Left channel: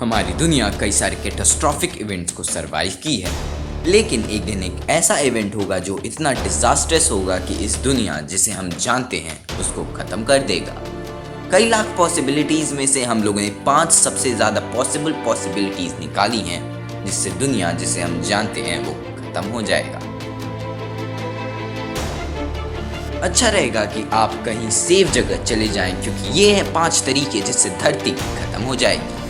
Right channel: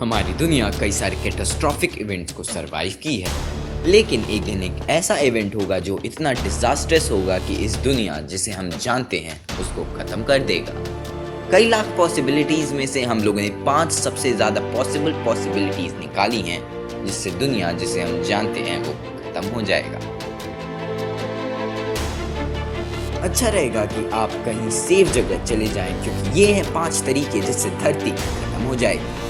हमारी दुनिया कई सारे कैटास्ट्रॉफिक इवेंट्स को सरवाइव की है, लेकिन एक दिन एक ऐसा इवेंट होगा जो इतना डिजास्ट्रस होगा कि इस दुनिया जिसे हम जानते हैं उसको खत्म कर देगा। कई लाख पॉसिबिलिटीज में से हम लोगों ने 5 सबसे ज्यादा पॉसिबिलिटीज निकाली हैं जिससे दुनिया जिसे हम जानते हैं वो खत्म हो जाएगा। अच्छा रहेगा कि आप कहीं सेफ जगह चले जाएं, क्योंकि ये हैं 5 तरीके जिससे धरती खत्म हो जाएगी।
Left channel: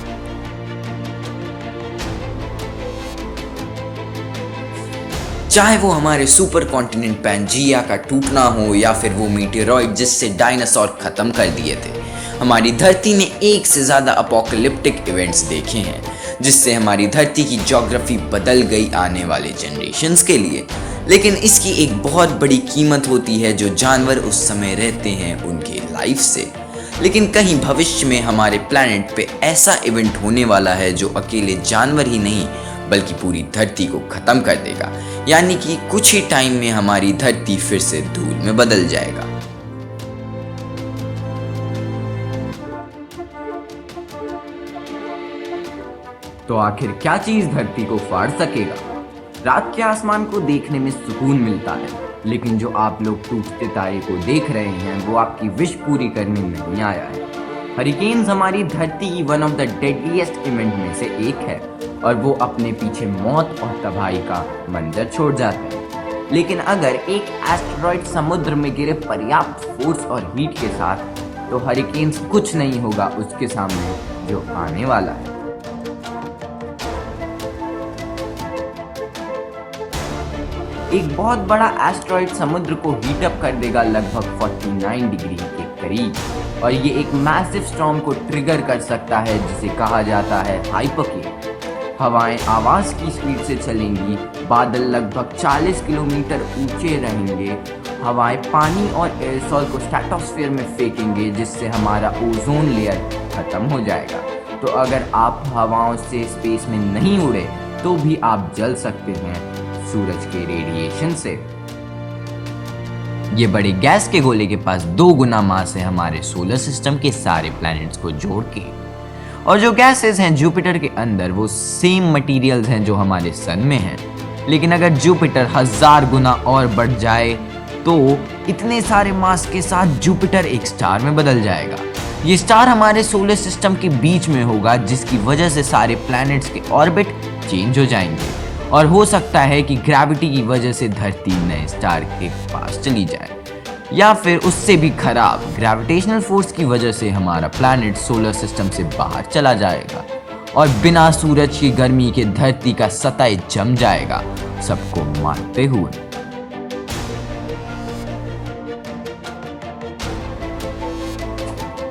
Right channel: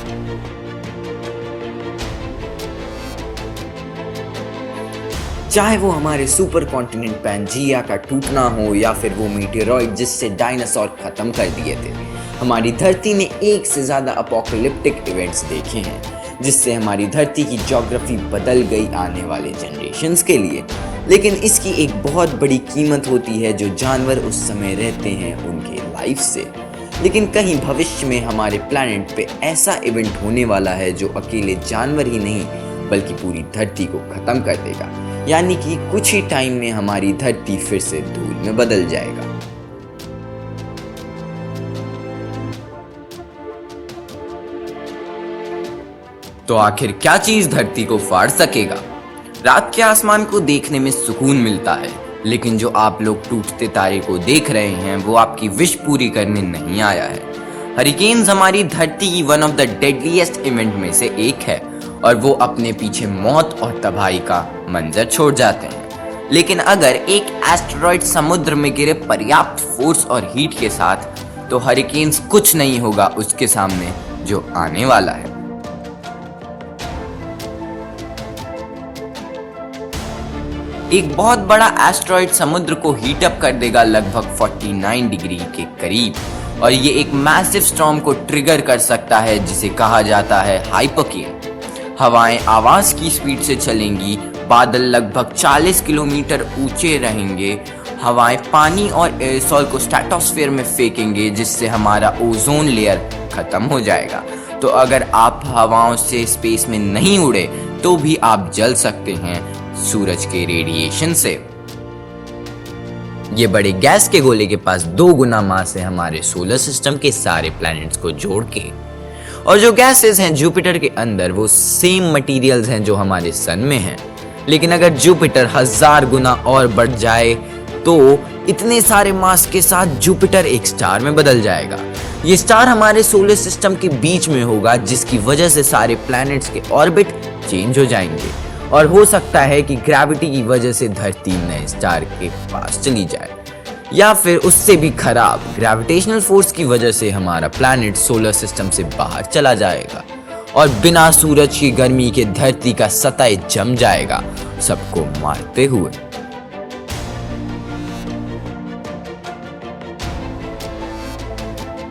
चाहे वो हमारे सुपर कॉन्टिनेंट पैंजिया का टूटना हो या फिर वो मीटेरॉइड जिससे डायनासोर खत्म कर दिए थे। हमारी धरती ने एक से ज्यादा अपोकलिप्टिक इवेंट्स देखे हैं जिससे हमारी धरती की ज्योग्राफी बदल गई आने वाले जनरेशंस के लिए। लेकिन इसकी एक बहुत बड़ी कीमत होती है जो जानवर उस समय रहते हैं उनके लाइफ से। लेकिन कहीं भविष्य में हमारे प्लैनेट पे ऐसा इवेंट होने वाला है जो अकेले जानवर ही नहीं बल्कि पूरी धरती को खत्म कर देगा, यानी कि कुछ ही टाइम में हमारी धरती फिर से धूल में बदल जाएगा। तो आखिर क्या चीज धरती को फाड़ सकेगा? रात के आसमान को देखने में सुकून मिलता है, लेकिन जो आप लोग टूटते तारे को देख रहे हैं वो आपकी विश पूरी करने नहीं आया है। हरिकेन्स हमारी धरती की one of the deadliest event में से एक है और वो अपने पीछे मौत और तबाही का मंजर छोड़ जाते हैं। लेकिन अगर एक एस्टेरॉयड समुद्र में गिरे पर्याप्त फोर्स और हीट के साथ, तो हरिकेन्स कुछ नहीं होगा उसके सामने जो आने वाला है। एक बहुत बड़ा एस्टेरॉयड समुद्र को हीट अप कर देगा लगभग 49 डिग्री के करीब, और ये एक मैसिव स्टॉर्म को ट्रिगर कर सकता है जिसे कहा जाता है हाइपोकेन। हवाएं आवाज की स्पीड से चलेंगी, बादल लगभग 40 किलोमीटर ऊंचे रहेंगे, हवाएं पानी और एयरसॉल को स्ट्रेटोस्फीयर में फेंकेंगे जिससे हमारा ओजोन लेयर खत्म हो जाएगा। तो अगर आप हवाओं से स्पेस में नहीं उड़े तो भी आप जल सकते हैं सूरज के रेडिएशन से। ये बड़े गैस के गोले के पास 2 गुना मास है हमारे सोलर सिस्टम के सारे प्लैनेट्स को जोड़ के, और जो गैसेस हैं जुपिटर के अंदर वो सेम मटेरियल्स हैं जो हमारे सन में हैं। लेकिन अगर जुपिटर 1000 गुना और बढ़ जाए तो इतने सारे मास के साथ जुपिटर एक स्टार में बदल जाएगा। ये स्टार हमारे सोलर सिस्टम के बीच में होगा, जिसकी वजह से सारे प्लैनेट्स के ऑर्बिट चेंज हो जाएंगे और हो सकता है कि ग्रेविटी की वजह से धरती नए स्टार के पास चली जाए, या फिर उससे भी खराब ग्रेविटेशनल फोर्स की वजह से हमारा प्लैनेट सोलर सिस्टम से बाहर चला जाएगा और बिना सूरज की गर्मी के धरती का सतह जम जाएगा, सबको मारते हुए।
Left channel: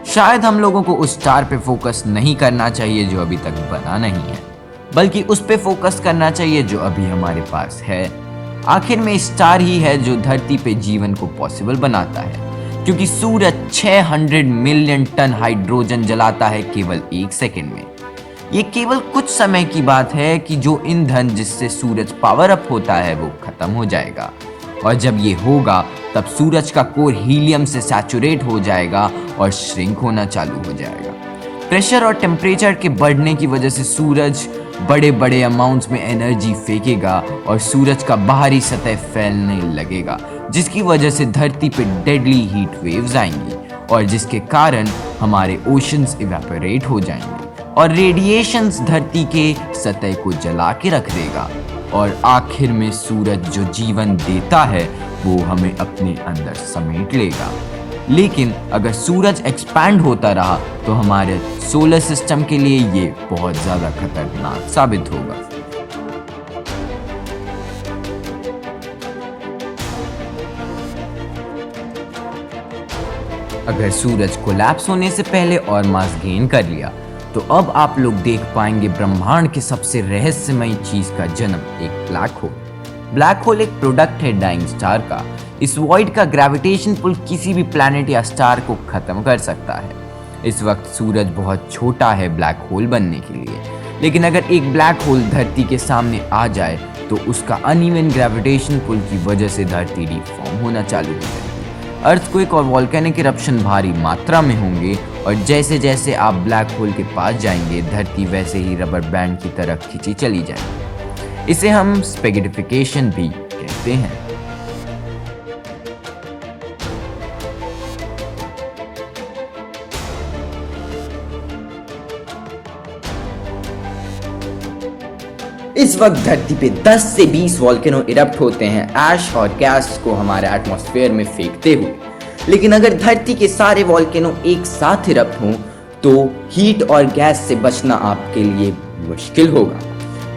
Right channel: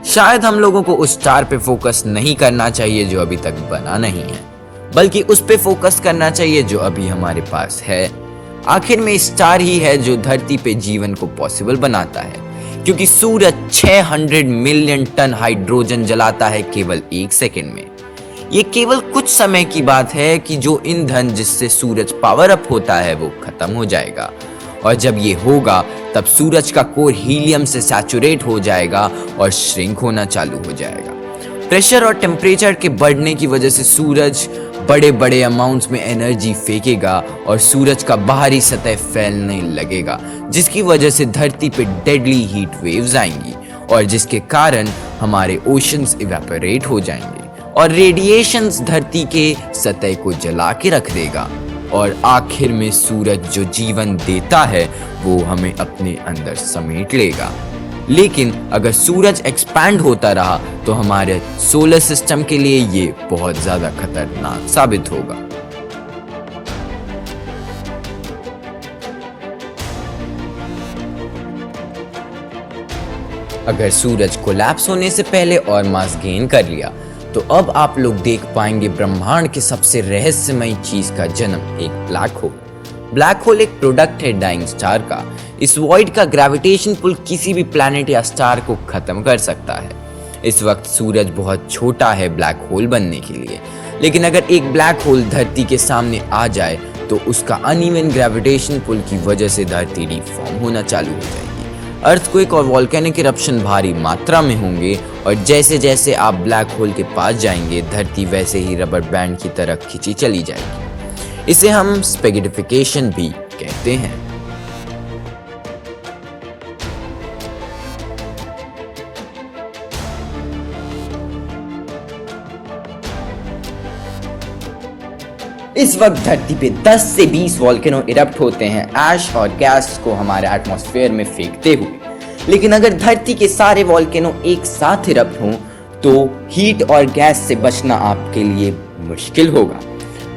शायद हम लोगों को उस स्टार पे फोकस नहीं करना चाहिए जो अभी तक बना नहीं है, बल्कि उस पे फोकस करना चाहिए जो अभी हमारे पास है। आखिर में स्टार ही है जो धरती पे जीवन को पॉसिबल बनाता है, क्योंकि सूरज 600 मिलियन टन हाइड्रोजन जलाता है केवल 1 सेकंड में। ये केवल कुछ समय की बात है कि जो ईंधन जिससे सूरज पावर अप होता है वो खत्म हो जाएगा, और जब ये होगा तब सूरज का कोर हीलियम से सैचुरेट हो जाएगा और श्रिंक होना चालू हो जाएगा। प्रेशर और टेम्परेचर के बढ़ने की वजह से सूरज बड़े बड़े अमाउंट्स में एनर्जी फेंकेगा और सूरज का बाहरी सतह फैलने लगेगा, जिसकी वजह से धरती पे डेडली हीट वेव्स आएंगी और जिसके कारण हमारे ओशंस इवेपोरेट हो जाएंगे और रेडिएशंस धरती के सतह को जला के रख देगा, और आखिर में सूरज जो जीवन देता है वो हमें अपने अंदर समेट लेगा। लेकिन अगर सूरज एक्सपैंड होता रहा तो हमारे सोलर सिस्टम के लिए ये बहुत ज्यादा खतरनाक साबित होगा। अगर सूरज कोलैप्स होने से पहले और मास गेन कर लिया तो अब आप लोग देख पाएंगे ब्रह्मांड के सबसे रहस्यमयी चीज का जन्म, एक ब्लैक होल। ब्लैक होल एक प्रोडक्ट है डाइंग स्टार का। इस वॉइड का ग्रेविटेशन पुल किसी भी प्लैनेट या स्टार को खत्म कर सकता है। इस वक्त सूरज बहुत छोटा है ब्लैक होल बनने के लिए, लेकिन अगर एक ब्लैक होल धरती के सामने आ जाए तो उसका अनइवन ग्रेविटेशन पुल की वजह से धरती डिफॉर्म होना चालू हो जाएगी। अर्थक्वेक और वॉल्केनिक इरप्शन भारी मात्रा में होंगे और जैसे जैसे आप ब्लैक होल के पास जाएंगे धरती वैसे ही रबर बैंड की तरह खींची चली जाएगी। इसे हम स्पेगिडिफिकेशन भी कहते हैं। इस वक्त धरती पे 10 से 20 वॉल्केनो इरप्ट होते हैं ऐश और गैस को हमारे एटमॉस्फेयर में फेंकते हुए। लेकिन अगर धरती के सारे वॉल्केनो एक साथ इरप्ट हों तो हीट और गैस से बचना आपके लिए मुश्किल होगा।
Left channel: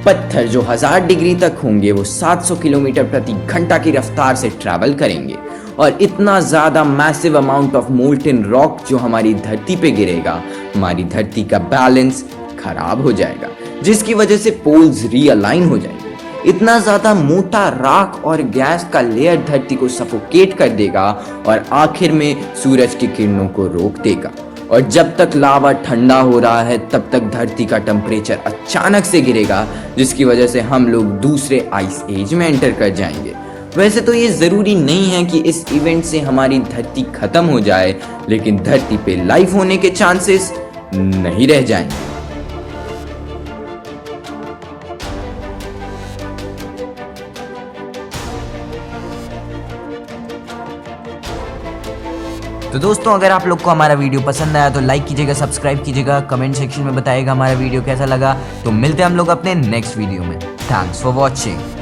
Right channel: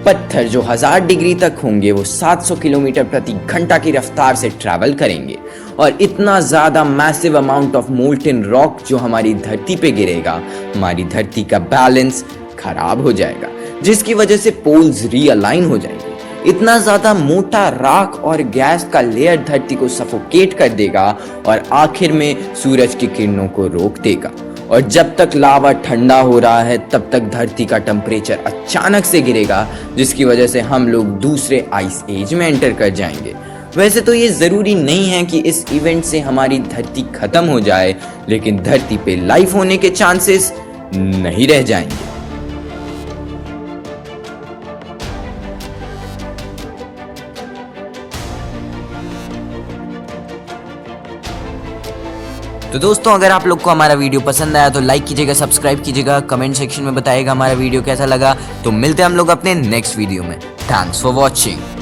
पत्थर जो 1000 डिग्री तक होंगे वो 700 किलोमीटर प्रति घंटा की रफ्तार से ट्रैवल करेंगे और इतना ज्यादा massive amount of molten rock जो हमारी धरती पे गिरेगा, हमारी धरती का बैलेंस खराब हो जाएगा, जिसकी वजह से पोल्स रीअलाइन हो जाएंगे। इतना ज्यादा मोटा राख और गैस का लेयर धरती को सफोकेट कर देगा और आखिर में सूरज की किरणों को रोक देगा। और जब तक लावा ठंडा हो रहा है तब तक धरती का टेम्परेचर अचानक से गिरेगा, जिसकी वजह से हम लोग दूसरे आइस एज में एंटर कर जाएंगे। वैसे तो ये जरूरी नहीं है कि इस इवेंट से हमारी धरती खत्म हो जाए, लेकिन धरती पे लाइफ होने के चांसेस नहीं रह जाएंगे। तो दोस्तों, अगर आप लोग को हमारा वीडियो पसंद आया तो लाइक कीजिएगा, सब्सक्राइब कीजिएगा, कमेंट सेक्शन में बताइएगा हमारा वीडियो कैसा लगा। तो मिलते हैं हम लोग अपने नेक्स्ट वीडियो में। Thanks for watching.